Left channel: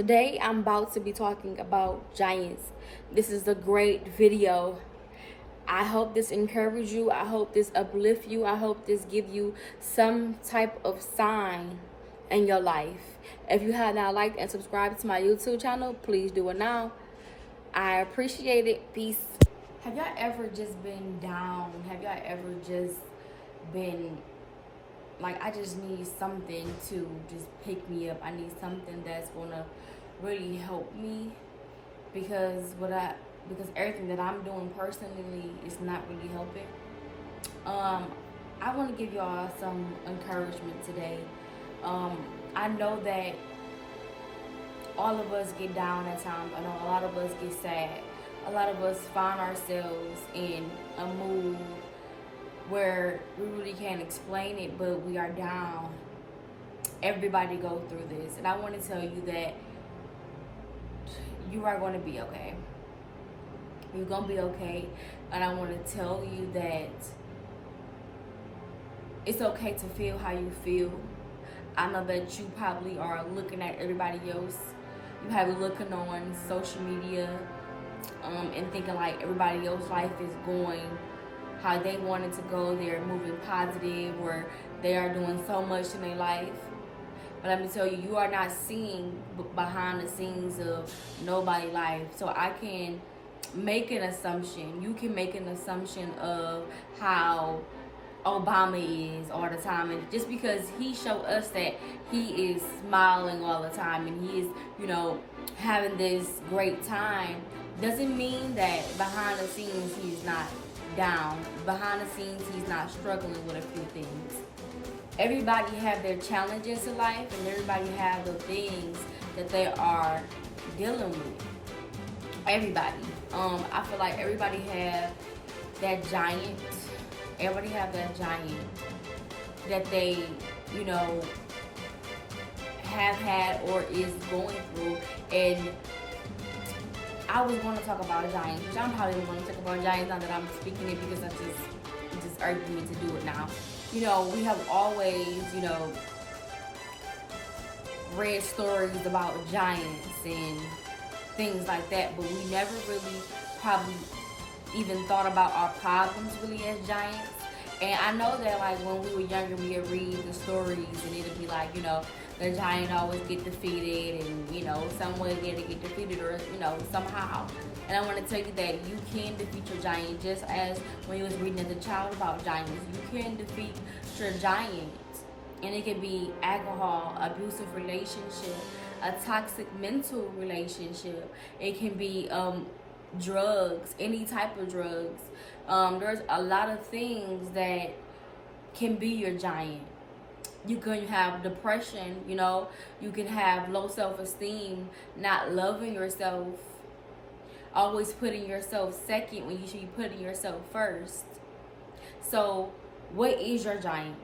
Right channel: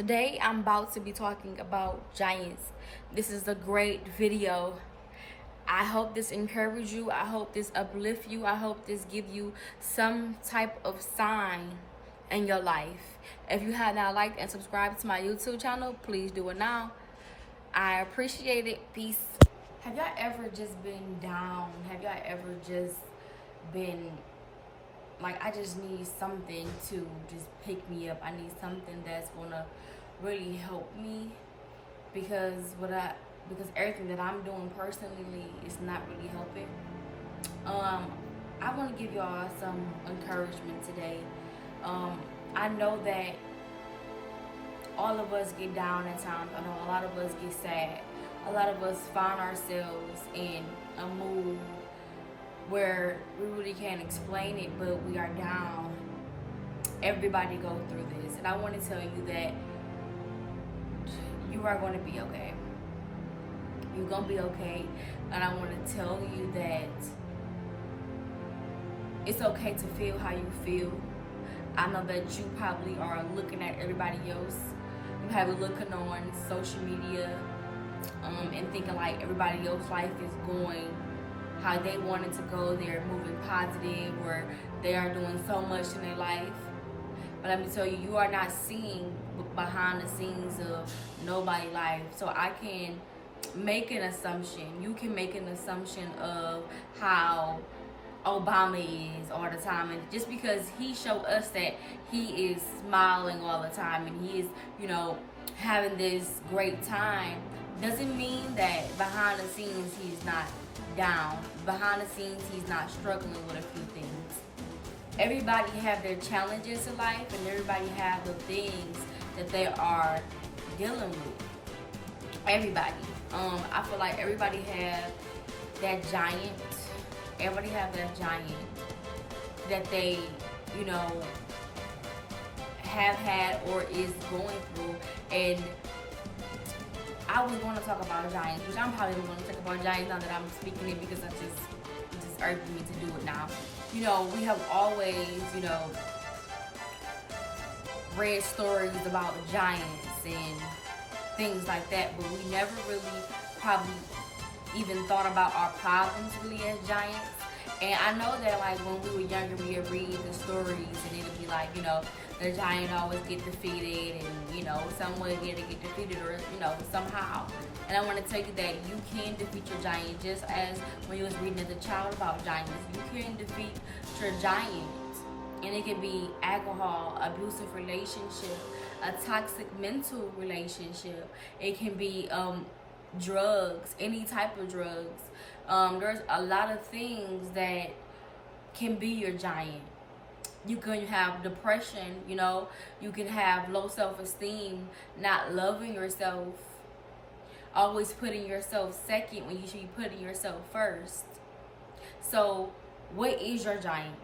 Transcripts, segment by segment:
Today I'm about to be talking about giants. This is a great video. I hope this encourages you. I hope this uplifts you. I hope this gives you some type of sign in your life. If you have not liked and subscribed to my YouTube channel, please do it now. I appreciate it. Peace. Have y'all ever just been down? Have y'all ever just been like, I just need something to just pick me up? I need something that's gonna really help me because everything that I'm doing personally is not really helping. I want to give y'all some encouragement today. I know that all of us get down at times. I know a lot of us get sad. A lot of us find ourselves in a mood where we really can't explain it, but we are down. Everybody goes through this, and I want to tell you that you are going to be okay. You're going to be okay, and I want to tell you that it's okay to feel how you feel. I know that you probably are looking at everybody else. You have been looking on social media and thinking like everybody else's life is going how they want it to go. They're moving positive, or they are doing so much in their life. But let me tell you, you are not seeing behind the scenes of nobody's life. So I can make an assumption. You can make an assumption of how Obama is all the time. And just because he showed us that he is smiling all the time and he is, having this great time, doesn't mean that behind the scenes he's not down. Behind the scenes he's not struggling with a few things. Everybody have their challenges in life, and everybody have the things that they are dealing with. Everybody. I feel like everybody have that giant. Everybody have that giant that they, have had or is going through. And I was going to talk about a giant, because I'm probably going to talk about a giant now that I'm speaking it, because it just urged me to do it now. We have always, read stories about giants and things like that, but we never really probably even thought about our problems really as giants. And I know that like when we were younger, we would read the stories and it would be like, the giant always get defeated, and some way we had to get defeated, or somehow. And I want to tell you that you can defeat your giant, just as when you was reading as a child about giants. You can defeat your giant, and it could be alcohol, abusive relationship, a toxic mental relationship. It can be drugs, any type of drugs. There's a lot of things that can be your giant. You can have depression, you can have low self-esteem, not loving yourself, always putting yourself second when you should be putting yourself first. So what is your giant?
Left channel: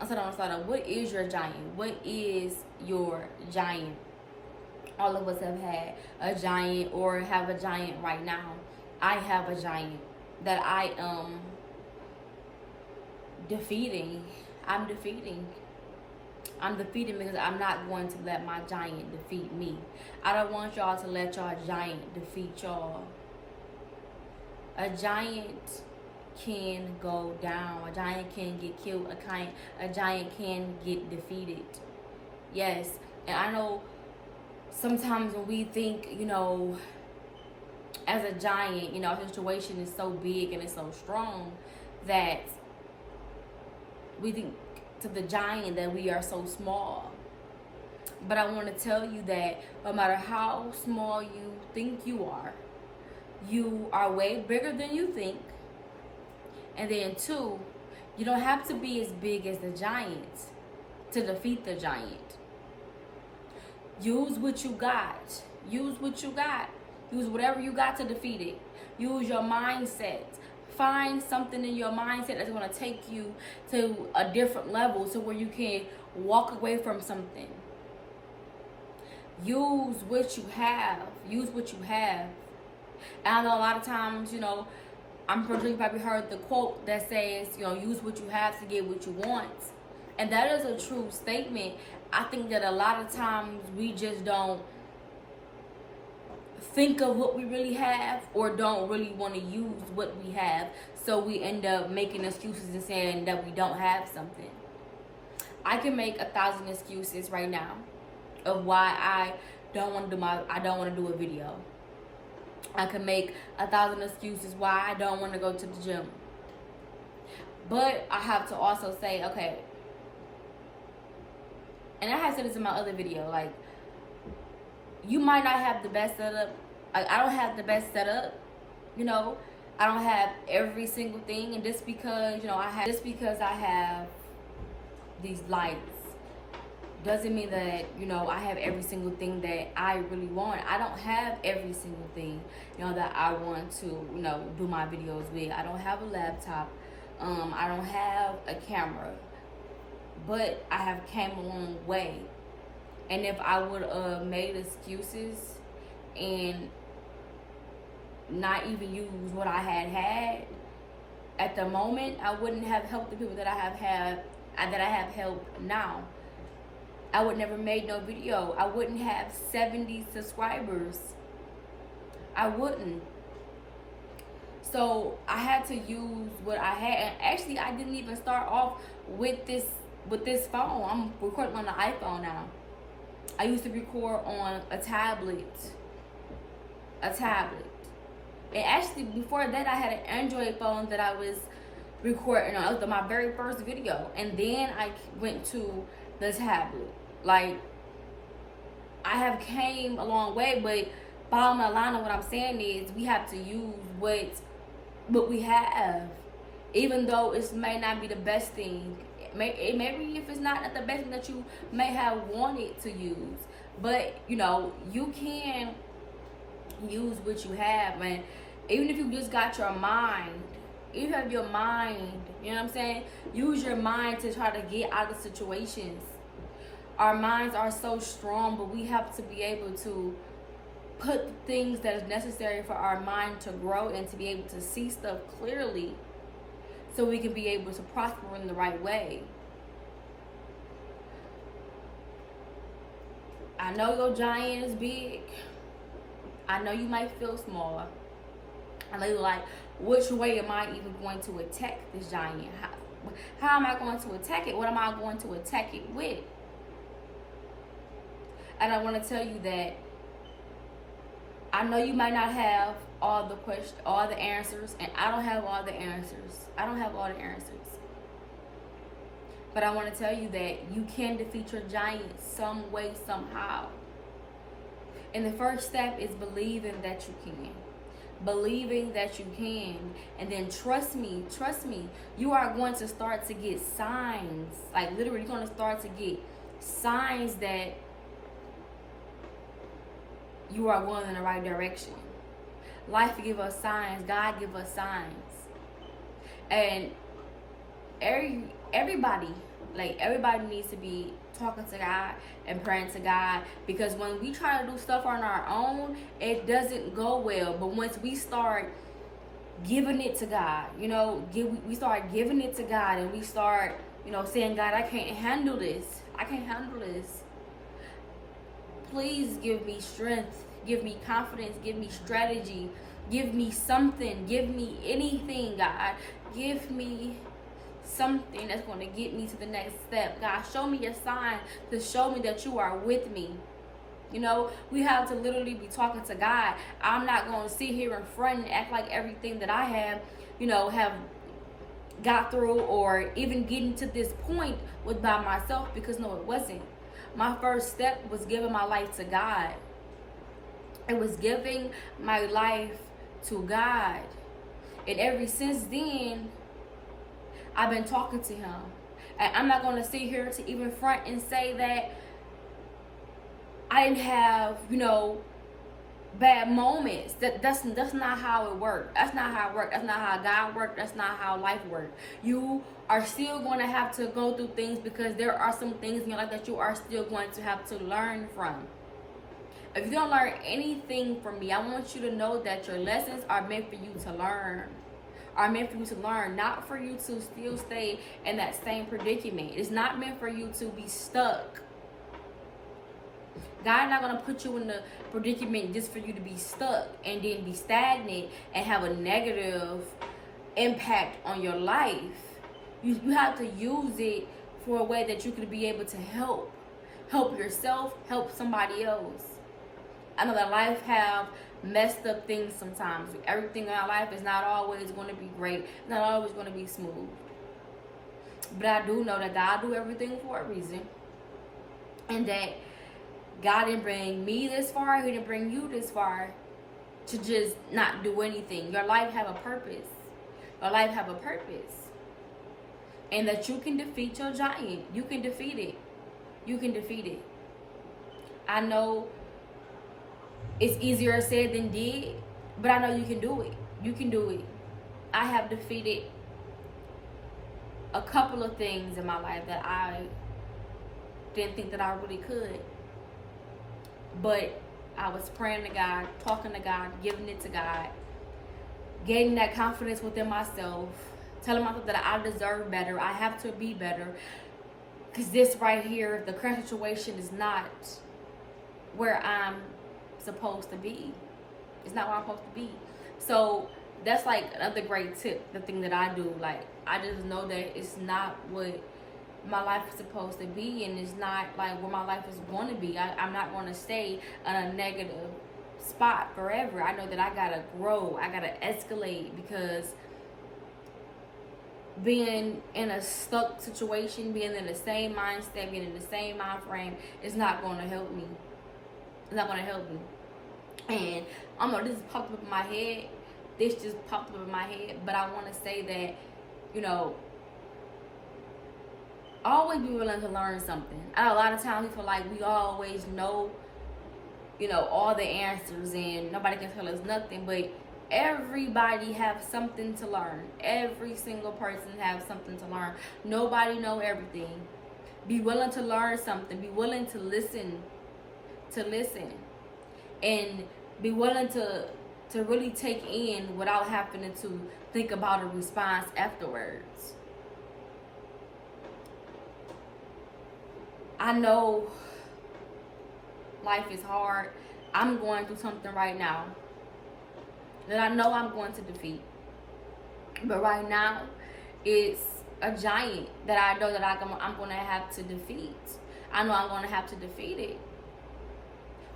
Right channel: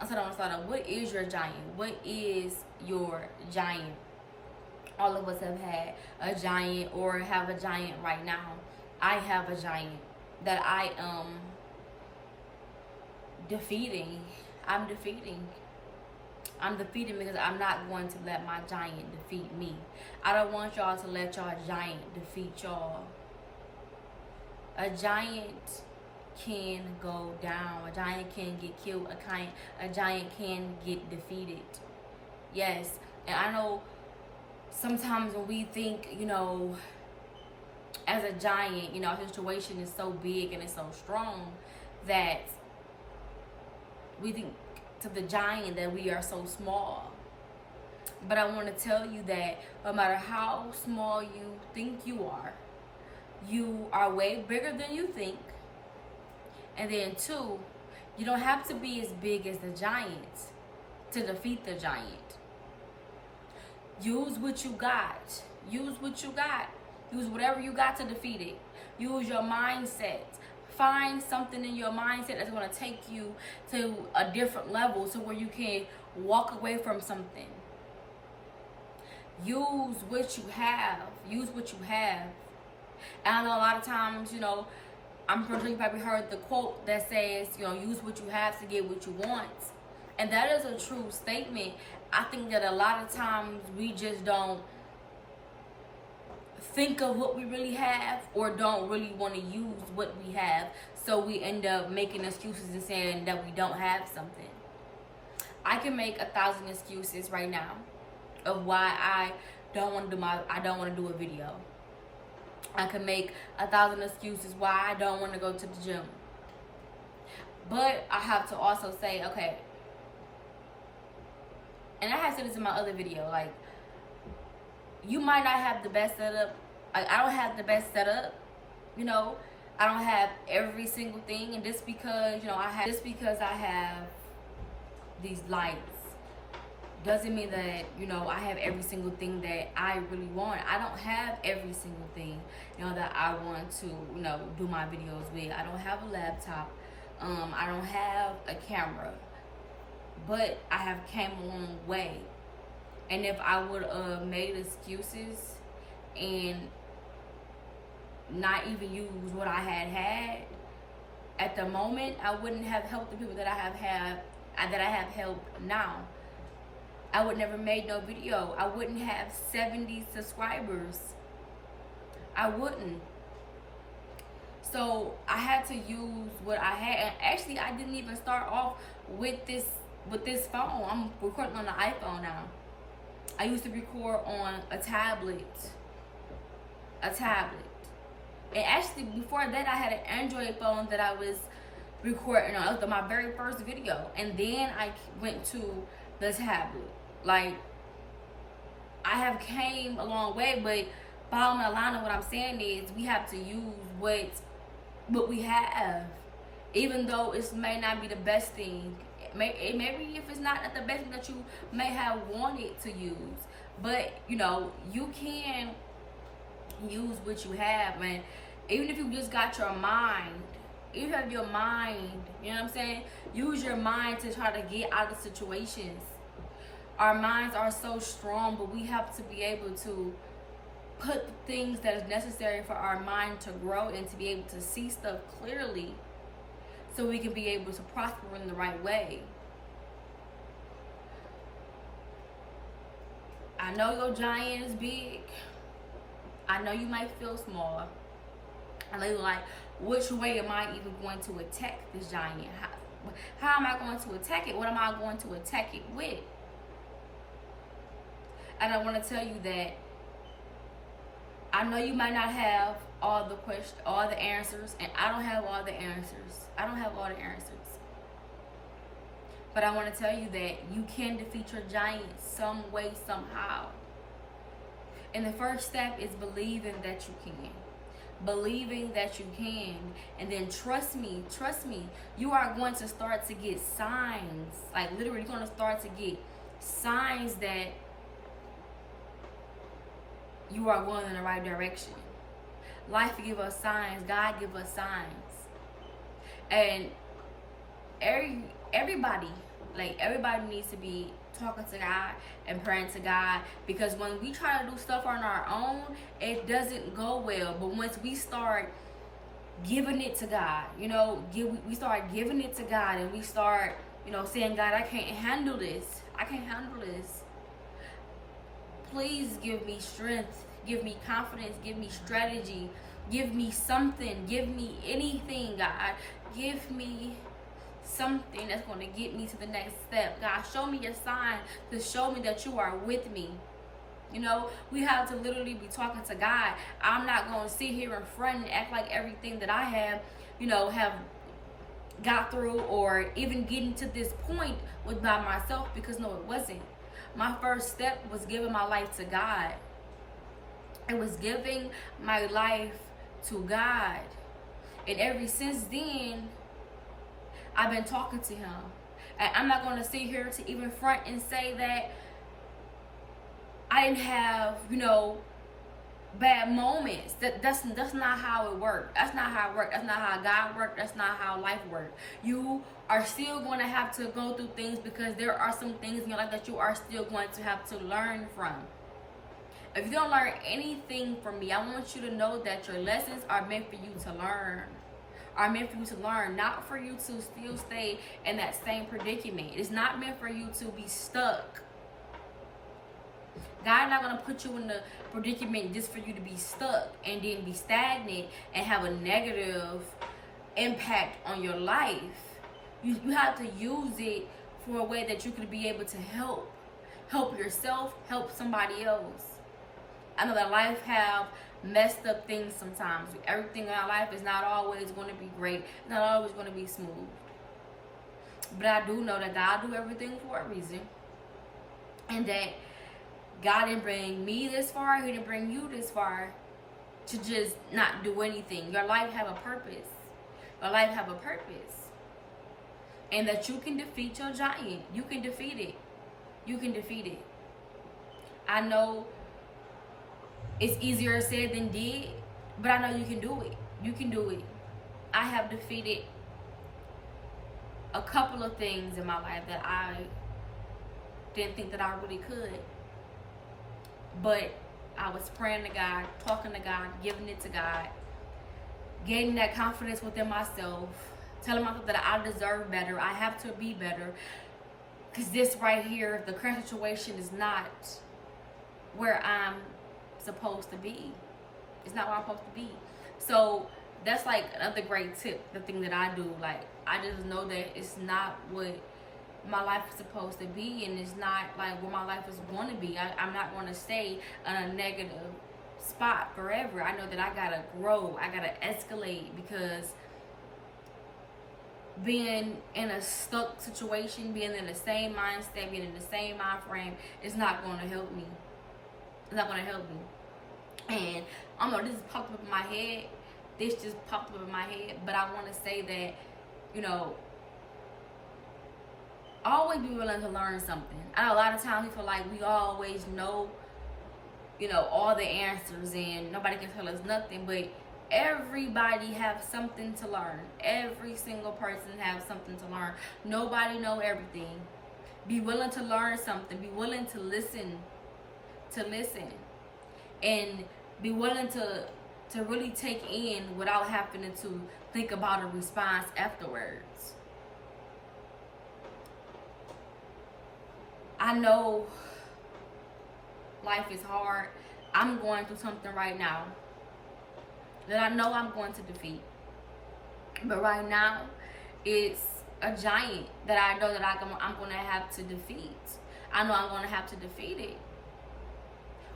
I said on the start, what is your giant? What is your giant? All of us have had a giant or have a giant right now. I have a giant that I am defeating. I'm defeating because I'm not going to let my giant defeat me. I don't want y'all to let y'all giant defeat y'all. A giant can go down. A giant can get killed. A giant can get defeated. Yes. And I know sometimes when we think, as a giant, our situation is so big and it's so strong that we think to the giant that we are so small. But I want to tell you that no matter how small you think you are way bigger than you think. And then two, you don't have to be as big as the giant to defeat the giant. Use what you got. Use what you got. Use whatever you got to defeat it. Use your mindset. Find something in your mindset that's going to take you to a different level, so where you can walk away from something. Use what you have. Use what you have. And I know a lot of times, I'm pretty sure you probably heard the quote that says, use what you have to get what you want. And that is a true statement. I think that a lot of times we just don't think of what we really have or don't really want to use what we have. So we end up making excuses and saying that we don't have something. I can make 1,000 excuses right now of why I don't want to do a video. I can make 1,000 excuses why I don't want to go to the gym. But I have to also say, okay, and I had said this in my other video, like, you might not have the best setup. Like, I don't have the best setup, you know. I don't have every single thing, and just because, you know, I have these lights doesn't mean that, you know, I have every single thing that I really want. I don't have every single thing, you know, that I want to, you know, do my videos with. I don't have a laptop. I don't have a camera, but I have came a long way. And if I would have made excuses and not even use what I had at the moment, I wouldn't have helped the people that I have helped now. I would never made no video. I wouldn't have 70 subscribers. I wouldn't. So I had to use what I had. And actually, I didn't even start off with this phone. I'm recording on the iPhone now. I used to record on a tablet. And actually, before that, I had an Android phone that I was recording on. It was my very first video. And then I went to the tablet. Like, I have came a long way, but bottom line of what I'm saying is we have to use what we have. Even though it may not be the best thing. Maybe if it's not the best thing that you may have wanted to use. But, you know, you can use what you have. And even if you just got your mind, even if your mind, you know what I'm saying? Use your mind to try to get out of situations. Our minds are so strong, but we have to be able to put the things that is necessary for our mind to grow and to be able to see stuff clearly, so we can be able to prosper in the right way. I know your giant is big. I know you might feel smaller. I know you're like, which way am I even going to attack this giant? How am I going to attack it? What am I going to attack it with? And I want to tell you that I know you might not have all the questions, all the answers, and I don't have all the answers. But I want to tell you that you can defeat your giant some way, somehow. And the first step is believing that you can. Believing that you can. And then trust me, you are going to start to get signs. Like, literally, you're going to start to get signs that you are going in the right direction. Life give us signs. God give us signs. And everybody needs to be talking to God and praying to God, because when we try to do stuff on our own, it doesn't go well. But once we start giving it to God, you know, we start giving it to God, and we start, you know, saying, God, I can't handle this. Please give me strength, give me confidence, give me strategy, give me something, give me anything, God. Give me something that's going to get me to the next step. God, show me a sign to show me that you are with me. You know, we have to literally be talking to God. I'm not going to sit here in front and act like everything that I have, you know, have got through or even getting to this point was by myself, because no, it wasn't. My first step was giving my life to God. It was giving my life to God. And ever since then, I've been talking to him. And I'm not going to sit here to even front and say that I didn't have, you know, bad moments. That's not how it worked. That's not how it worked. That's not how God worked. That's not how life worked. You are still going to have to go through things, because there are some things in your life that you are still going to have to learn from. If you don't learn anything from me, I want you to know that your lessons are meant for you to learn. Not for you to still stay in that same predicament. It's not meant for you to be stuck. God's not going to put you in the predicament just for you to be stuck and then be stagnant and have a negative impact on your life. You have to use it for a way that you could be able to help yourself, help somebody else. I know that life have messed up things sometimes. Everything in our life is not always going to be great. It's not always going to be smooth. But I do know that God do everything for a reason. And that God didn't bring me this far. He didn't bring you this far to just not do anything. Your life have a purpose. Your life have a purpose. And that you can defeat your giant. You can defeat it. You can defeat it. I know it's easier said than did, but I know you can do it. You can do it. I have defeated a couple of things in my life that I didn't think that I really could. But I was praying to God, talking to God, giving it to God. Gave me that confidence within myself. Telling myself that I deserve better. I have to be better. Because this right here, the current situation is not where I'm supposed to be. It's not where I'm supposed to be. So that's like another great tip. The thing that I do. Like, I just know that it's not what my life is supposed to be, and it's not like what my life is going to be. I'm not going to stay in a negative spot forever. I know that I gotta grow. I gotta escalate, because being in a stuck situation, being in the same mindset, being in the same mind frame is not going to help me. It's not going to help me. And I know this popped up in my head. This just popped up in my head, but I want to say that, you know, always be willing to learn something. I know a lot of times we feel like we always know, you know, all the answers and nobody can tell us nothing, but everybody have something to learn. Every single person has something to learn. Nobody know everything. Be willing to learn something. Be willing to listen. And be willing to really take in without having to think about a response afterwards. I know life is hard. I'm going through something right now that I know I'm going to defeat. But right now, it's a giant that I know that I'm going to have to defeat. I know I'm going to have to defeat it.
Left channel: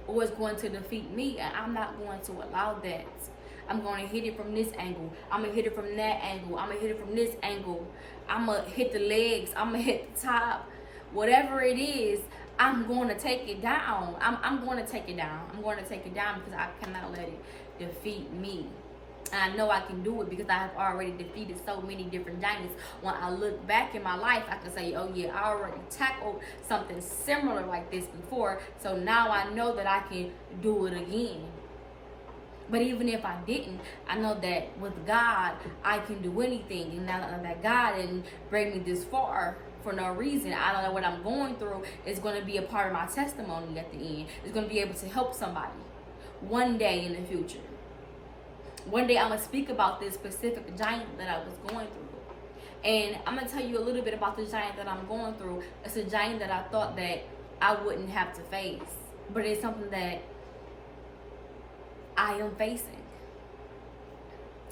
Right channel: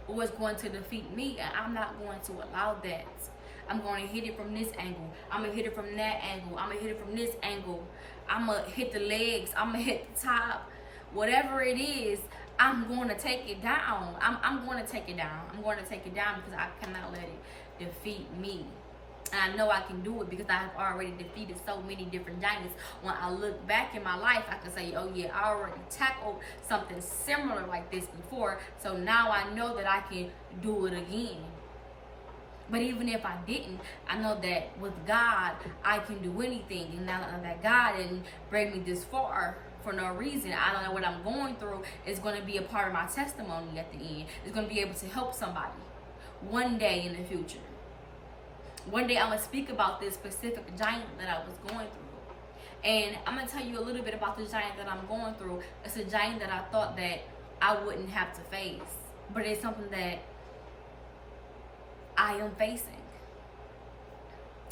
Or it's going to defeat me, and I'm not going to allow that. I'm going to hit it from this angle. I'm going to hit it from that angle. I'm going to hit it from this angle. I'm going to hit the legs. I'm going to hit the top. Whatever it is, I'm going to take it down. I'm going to take it down. I'm going to take it down because I cannot let it defeat me. And I know I can do it because I have already defeated so many different giants. When I look back in my life, I can say, oh yeah, I already tackled something similar like this before. So now I know that I can do it again. But even if I didn't, I know that with God, I can do anything. And now that God didn't bring me this far for no reason, I know that what I'm going through is going to be a part of my testimony at the end. It's going to be able to help somebody one day in the future. One day I'm going to speak about this specific giant that I was going through. And I'm going to tell you a little bit about the giant that I'm going through. It's a giant that I thought that I wouldn't have to face. But it's something that I am facing.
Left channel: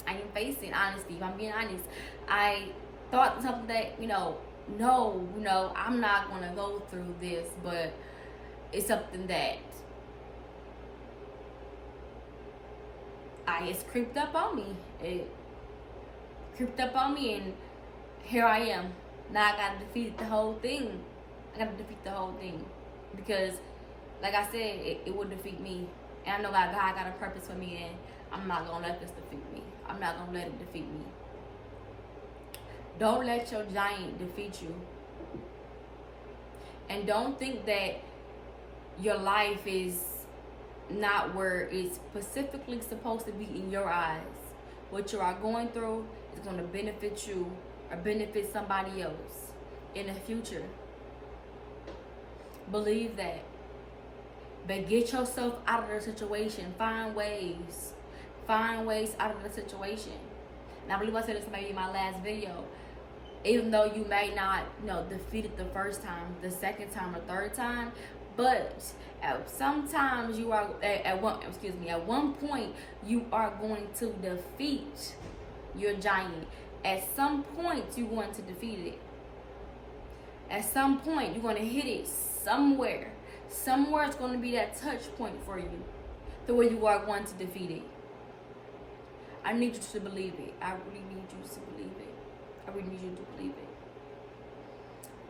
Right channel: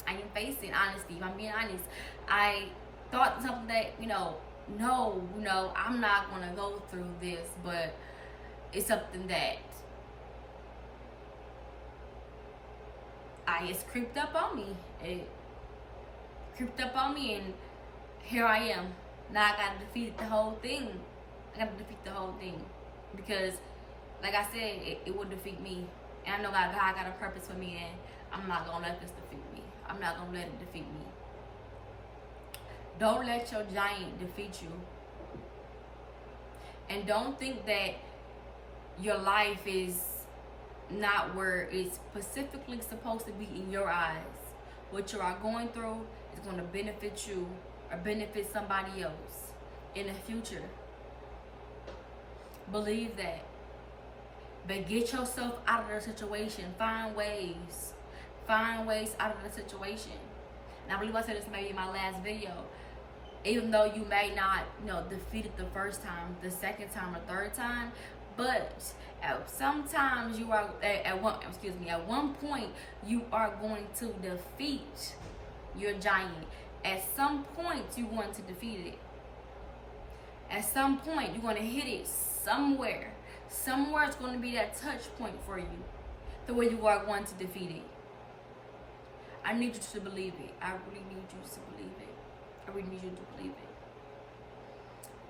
I am facing, honestly. If I'm being honest, I thought something that, no, I'm not going to go through this. But it's something that it's creeped up on me. It creeped up on me, and here I am. Now I gotta defeat the whole thing. Because, like I said, it will defeat me. And I know that God got a purpose for me, and I'm not gonna let this defeat me. I'm not gonna let it defeat me. Don't let your giant defeat you. And don't think that your life is not where it's specifically supposed to be in your eyes. What you are going through is going to benefit you or benefit somebody else in the future. Believe that. But get yourself out of the situation. Find ways out of the situation. And I believe I said this maybe in my last video. Even though you may not, defeat it the first time, the second time, or third time, but Sometimes you are at one point you are going to defeat your giant. At some point you're going to defeat it. At some point you're going to hit it somewhere. Somewhere it's going to be that touch point for you, the way you are going to defeat it. I need you to believe it. I really need you to believe it. I really need you to believe it.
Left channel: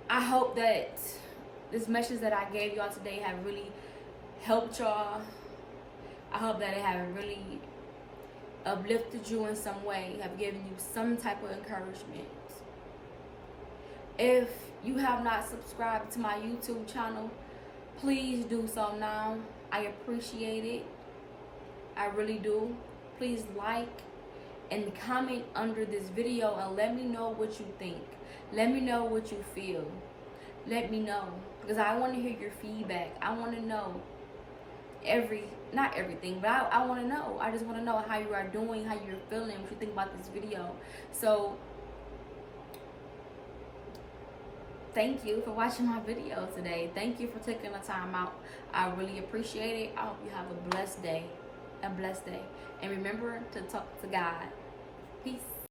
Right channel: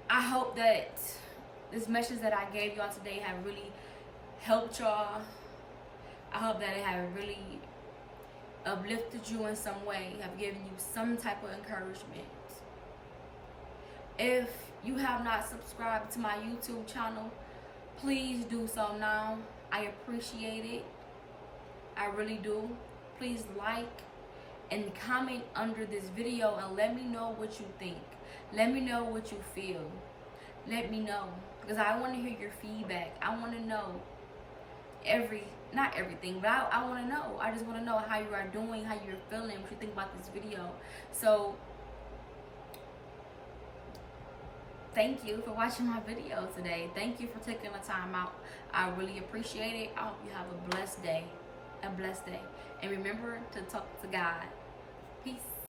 I hope that this message that I gave y'all today have really helped y'all. I hope that it have really uplifted you in some way, have given you some type of encouragement. If you have not subscribed to my YouTube channel, please do so now. I appreciate it. I really do. Please like and comment under this video and let me know what you think. Let me know what you feel. Let me know, because I want to hear your feedback. I want to know not everything, but I want to know. I just want to know how you are doing, how you're feeling, what you think about this video. So thank you for watching my video today. Thank you for taking the time out. I really appreciate it. I hope you have a blessed day. And remember to talk to God. Peace.